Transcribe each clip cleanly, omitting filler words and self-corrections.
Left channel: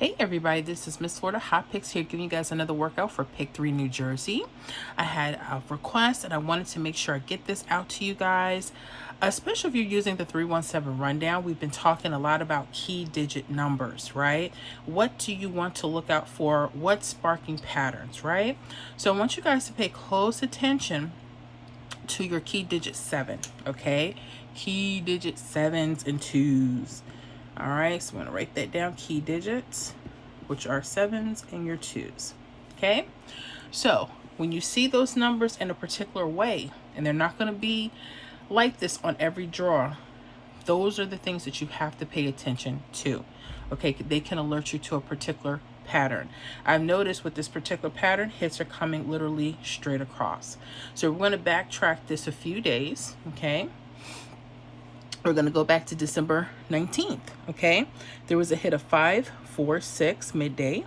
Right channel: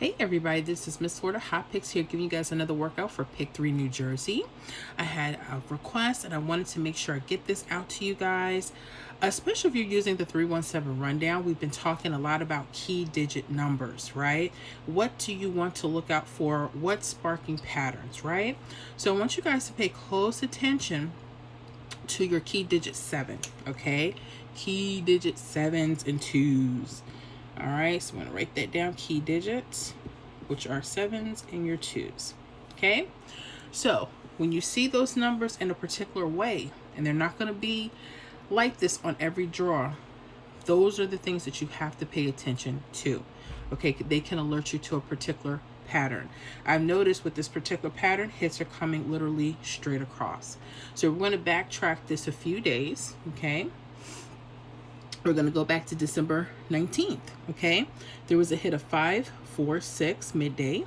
Hey everybody, this is Miss Florida Hot Picks here giving you guys another workout for Pick 3 New Jersey. I had a request and I wanted to make sure I get this out to you guys, especially if you're using the 317 rundown. We've been talking a lot about key digit numbers, right? What do you want to look out for? What's sparking patterns, right? So I want you guys to pay close attention to your key digit 7, okay? Key digit 7s and 2s. All right, so I'm gonna write that down, key digits, which are 7s and your 2s, okay? So when you see those numbers in a particular way, and they're not gonna be like this on every draw, those are the things that you have to pay attention to, okay? They can alert you to a particular pattern. I've noticed with this particular pattern, hits are coming literally straight across. So we're gonna backtrack this a few days, okay? We're going to go back to December 19th, okay? There was a hit of 5, 4, 6 midday.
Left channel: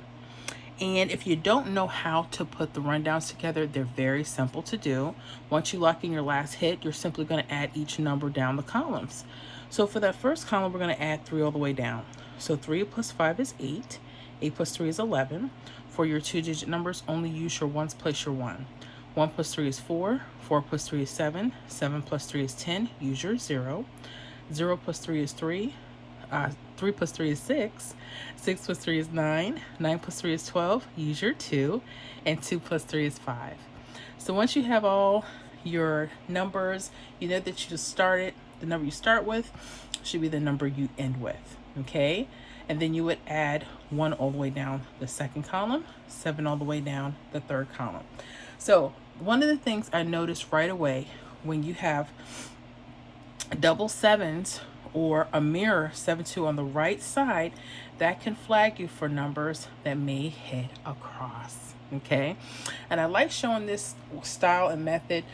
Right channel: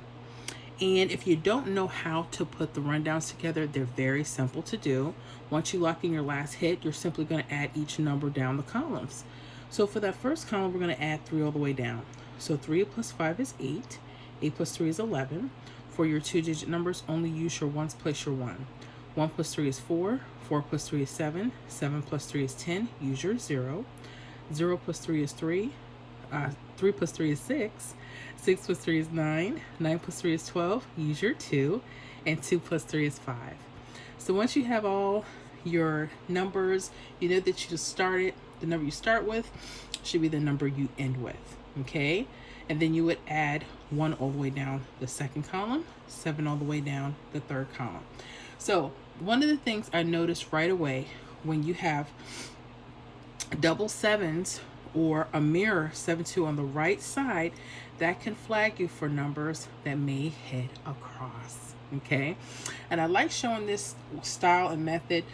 And if you don't know how to put the rundowns together, they're very simple to do. Once you lock in your last hit, you're simply going to add each number down the columns. So for that first column, we're going to add 3 all the way down. So 3 plus 5 is 8. 8 plus 3 is 11. For your 2-digit numbers, only use your ones, place your 1. 1 plus 3 is 4. 4 plus 3 is 7. 7 plus 3 is 10. Use your 0. 0 plus 3 is 3. 3 plus 3 is 6. 6 plus 3 is 9. 9 plus 3 is 12. Use your 2. And 2 plus 3 is 5. So once you have all your numbers, you know that you started, the number you start with should be the number you end with, okay? And then you would add 1 all the way down the second column, 7 all the way down the third column. So one of the things I noticed right away when you have double 7s or a mirror 7-2 on the right side, that can flag you for numbers that may hit across, okay? And I like showing this style and method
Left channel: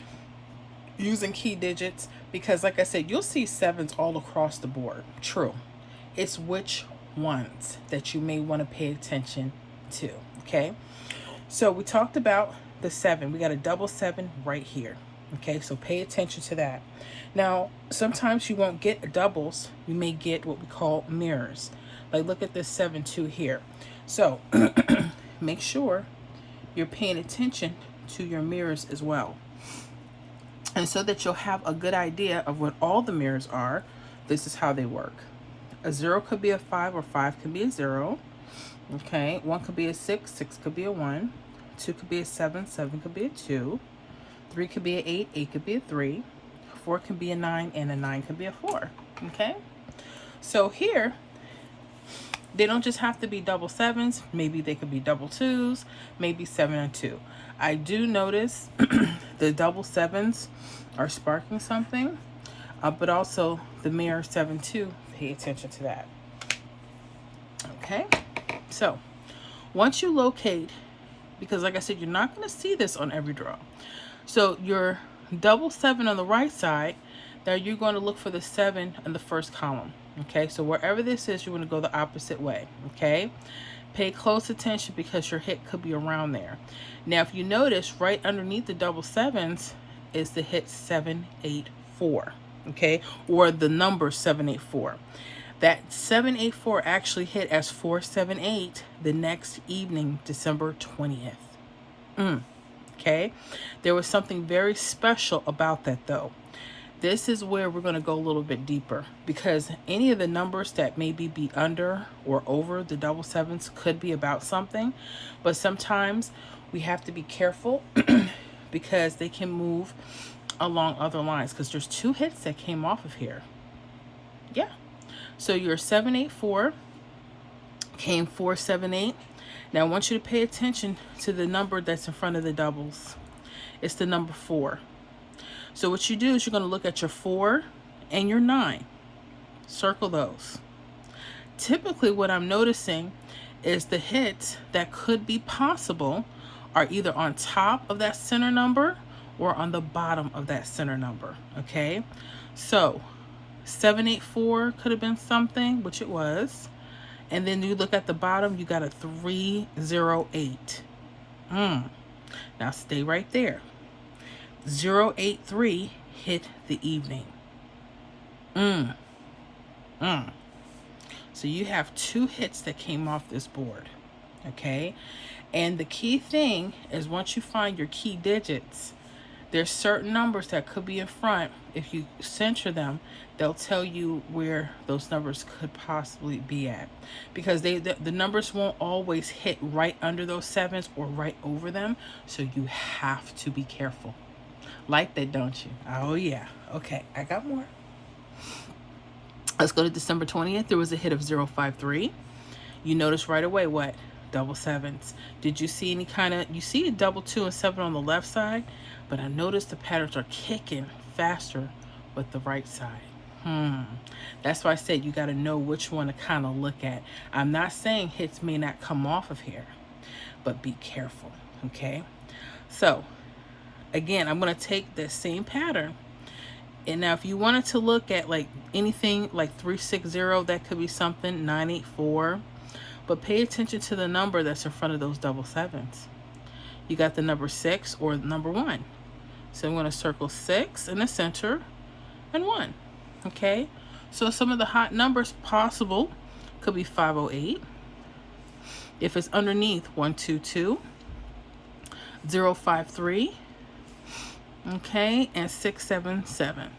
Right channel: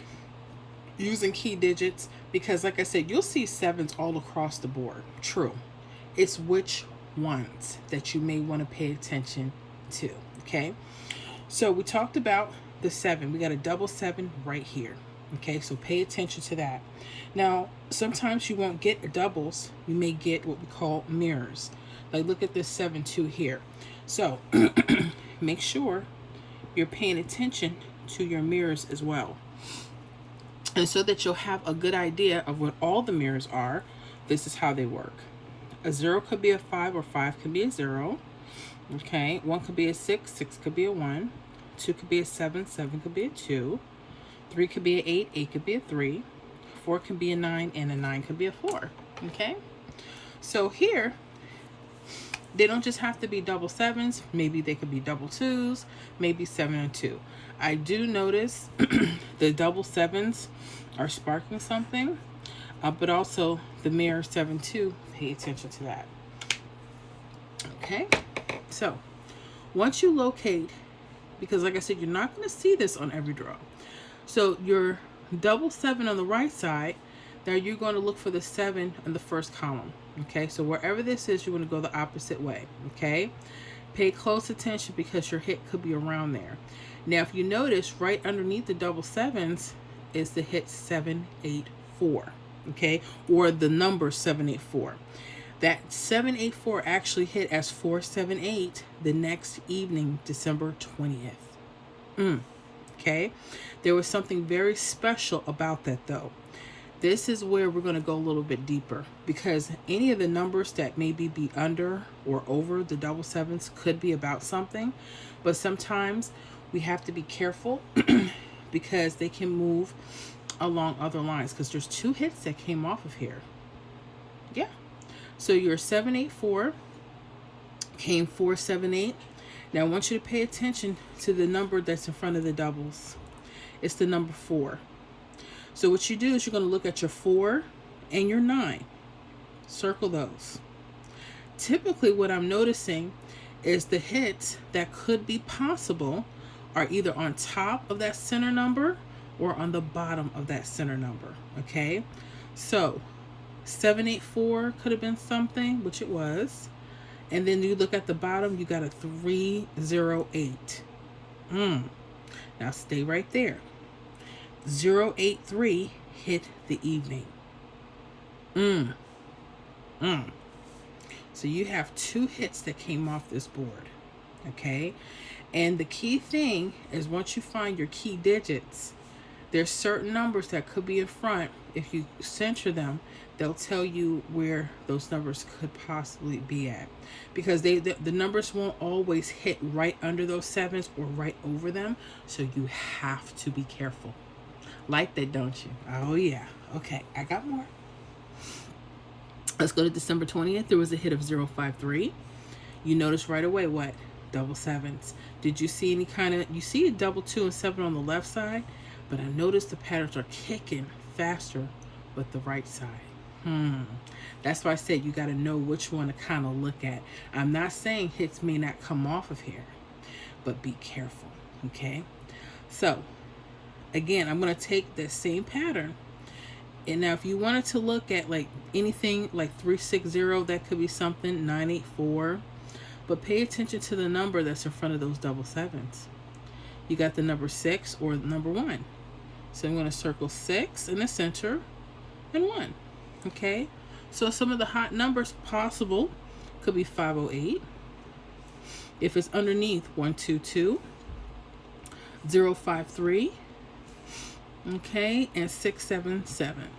using key digits because, like I said, you'll see 7s all across the board. True. It's which ones that you may want to pay attention to, okay? So we talked about the 7. We got a double 7 right here. Okay, so pay attention to that. Now, sometimes you won't get doubles. You may get what we call mirrors. Like, look at this 7-2 here. So, make sure you're paying attention to your mirrors as well. And so that you'll have a good idea of what all the mirrors are, this is how they work. A 0 could be a 5, or 5 could be a 0. Okay, 1 could be a 6, 6 could be a 1. 2 could be a 7, 7 could be a 2. 3 could be an 8, 8 could be a 3, 4 could be a 9, and a 9 could be a 4, okay? So here, they don't just have to be double 7s, maybe they could be double 2s, maybe 7 and 2. I do notice the double 7s are sparking something, but also the mirror 7-2, pay attention to that. Okay, so once you locate, because like I said, you're not going to see this on every draw. So your double 7 on the right side, there you're going to look for the 7 in the first column. Okay, so wherever this is, you're going to go the opposite way. Okay, pay close attention because your hit could be around there. Now, if you notice, right underneath the double 7s is the hit 784. Okay, or the number 784. That 784 actually hit as 478 the next evening, December 20th. Okay, there was something very special about that though. This is where we're going to go a little bit deeper because any of the numbers that maybe be under or over the double 7s could be about something, but sometimes we have to be careful because they can move along other lines because there's 2 hits that came off of here. Yeah, so your 784 came 478. Now I want you to pay attention to the number that's in front of the doubles. It's the number 4. So what you do is you're going to look at your 4 and your 9. Circle those. Typically what I'm noticing is the hits that could be possible are either on top of that center number or on the bottom of that center number. Okay, so 784 could have been something, which it was. And then you look at the bottom, you got a 308. Now stay right there. 083 hit the evening. So you have 2 hits that came off this board, okay? And the key thing is once you find your key digits, there's certain numbers that could be in front. If you center them, they'll tell you where those numbers could possibly be at. Because the numbers won't always hit right under those 7s or right over them. So you have to be careful. Like that, don't you? Oh, yeah. Okay, I got more. Let's go to December 20th. There was a hit of 053. You notice right away what? Double 7s. Did you see any kind of, you see a double 2 and 7 on the left side, but I noticed the patterns are kicking faster with the right side. That's why I said you got to know which one to kind of look at. I'm not saying hits may not come off of here, but be careful, okay? So, again, I'm going to take this same pattern. And now if you wanted to look at like anything like 360, that could be something, 984. But pay attention to the number that's in front of those double 7s. You got the number 6 or number 1. So I'm going to circle 6 in the center and 1. Okay? So some of the hot numbers possible could be 508. If it's underneath, 122, 053, okay, and 677.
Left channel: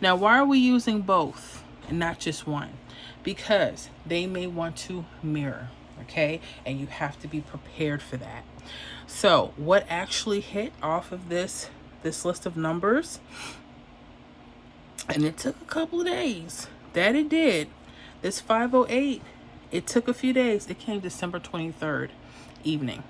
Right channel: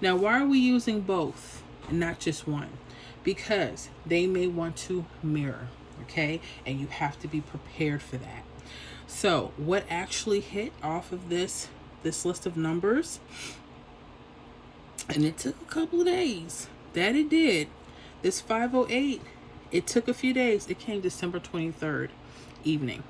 Now, why are we using both and not just one? Because they may want to mirror, okay? And you have to be prepared for that. So what actually hit off of this list of numbers, and it took a couple of days, that it did. This 508, it took a few days. It came December 23rd evening.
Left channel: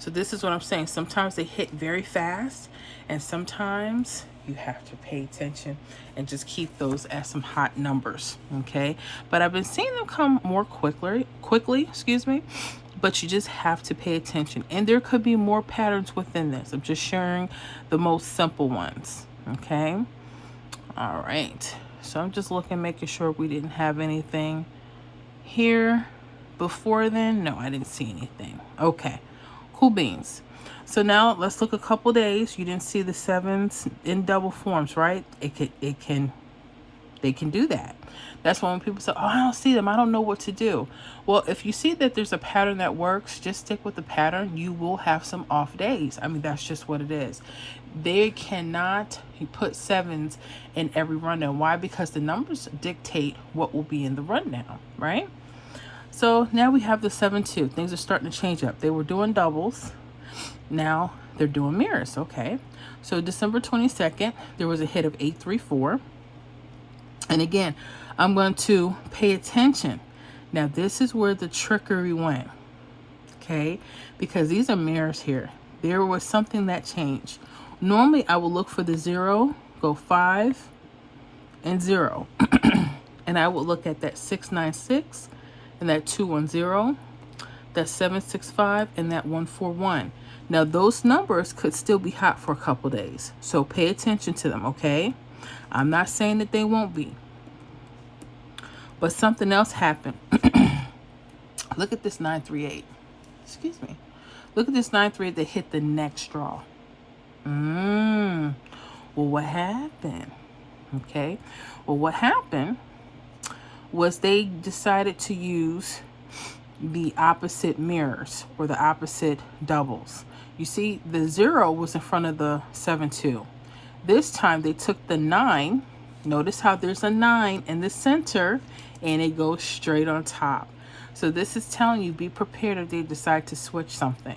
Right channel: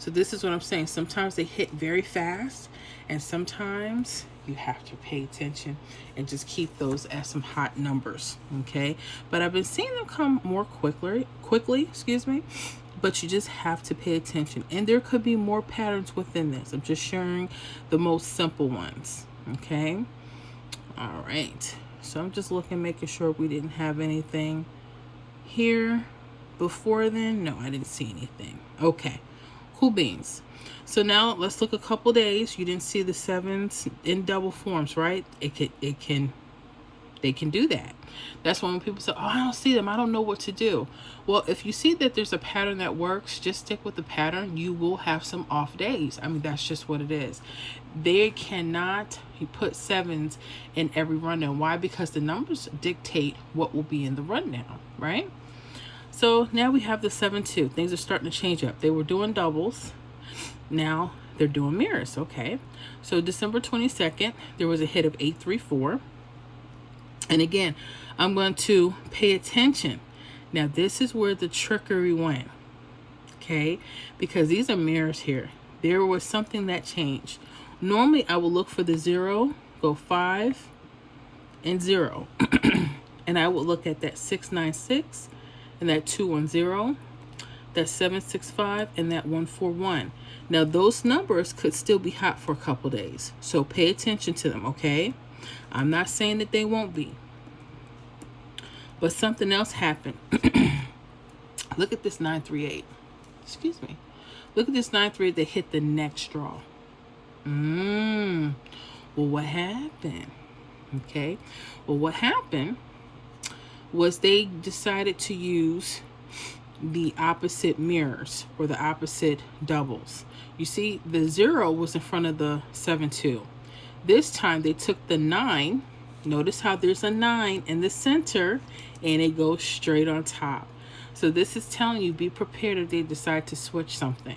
So this is what I'm saying. Sometimes they hit very fast, and sometimes you have to pay attention and just keep those as some hot numbers, okay? But I've been seeing them come more quickly, but you just have to pay attention. And there could be more patterns within this. I'm just sharing the most simple ones, okay? All right, so I'm just looking, making sure we didn't have anything here before then. No, I didn't see anything. Okay, cool beans. So now let's look a couple days. You didn't see the 7s in double forms, right? They can do that. That's why when people say, oh, I don't see them, I don't know what to do. Well, if you see that there's a pattern that works, just stick with the pattern. You will have some off days. I mean, that's just what it is. They cannot put 7s in every rundown. Why? Because the numbers dictate what will be in the rundown, right? So now we have the 7-2. Things are starting to change up. They were doing doubles. Now they're doing mirrors, okay? So December 22nd, there was a hit of 834. And again, I'm going to pay attention. Now this is where the trickery went, okay? Because these are mirrors here. There was something that changed. Normally I will look for the 0, go 5 and 0. And I will look at that 696 and that 210, that 765 and that 141. Now those numbers could still be hot for a couple days. So pay attention to them, okay? I'm not saying that they won't be. But something else happened. Look at this 938. Excuse me. Look at this 938 that hit the next draw. Well, what happened? Okay. Well, what happened was they decided to use the opposite mirrors or the opposite doubles. You see, the 0 was in front of the 7-2. This time they took the 9. Notice how there's a 9 in the center and it goes straight on top. So this is telling you, be prepared if they decide to switch something.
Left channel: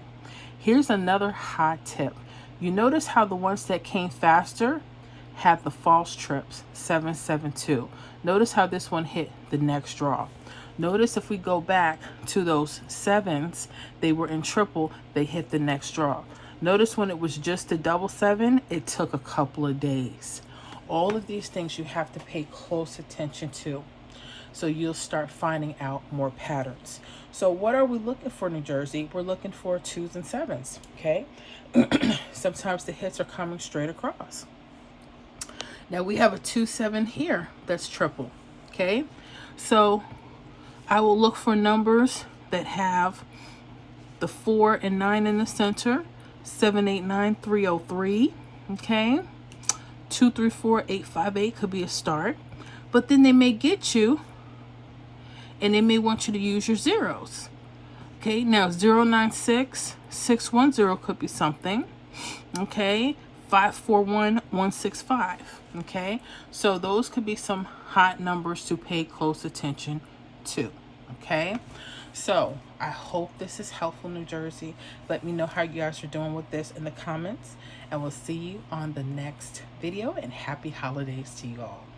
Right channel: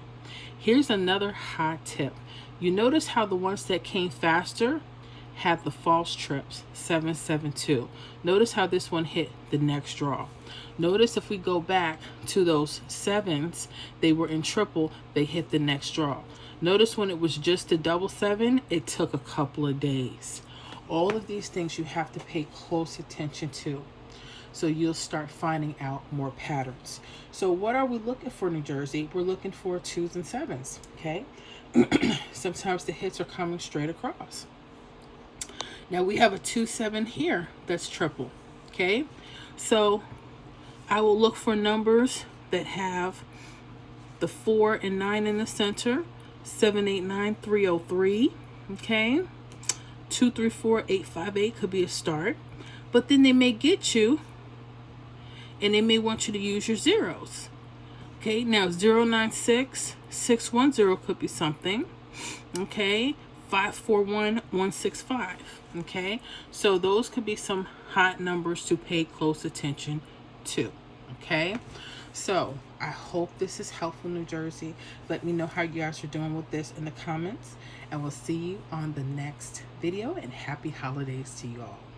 Here's another hot tip. You notice how the ones that came faster had the false trips, 772. Notice how this one hit the next draw. Notice if we go back to those 7s, they were in triple, they hit the next draw. Notice when it was just a double 7, it took a couple of days. All of these things you have to pay close attention to, so you'll start finding out more patterns. So what are we looking for, New Jersey? We're looking for 2s and 7s, okay? Sometimes the hits are coming straight across. Now we have a 2-7 here that's triple, okay? So I will look for numbers that have the 4 and 9 in the center, 789 303, okay? 234 858 could be a start, but then they may get you and they may want you to use your zeros. Okay, now 096 610 could be something. Okay, 541 165. Okay, so those could be some hot numbers to pay close attention to. Okay, so I hope this is helpful, New Jersey. Let me know how you guys are doing with this in the comments, and we'll see you on the next video, and happy holidays to you all.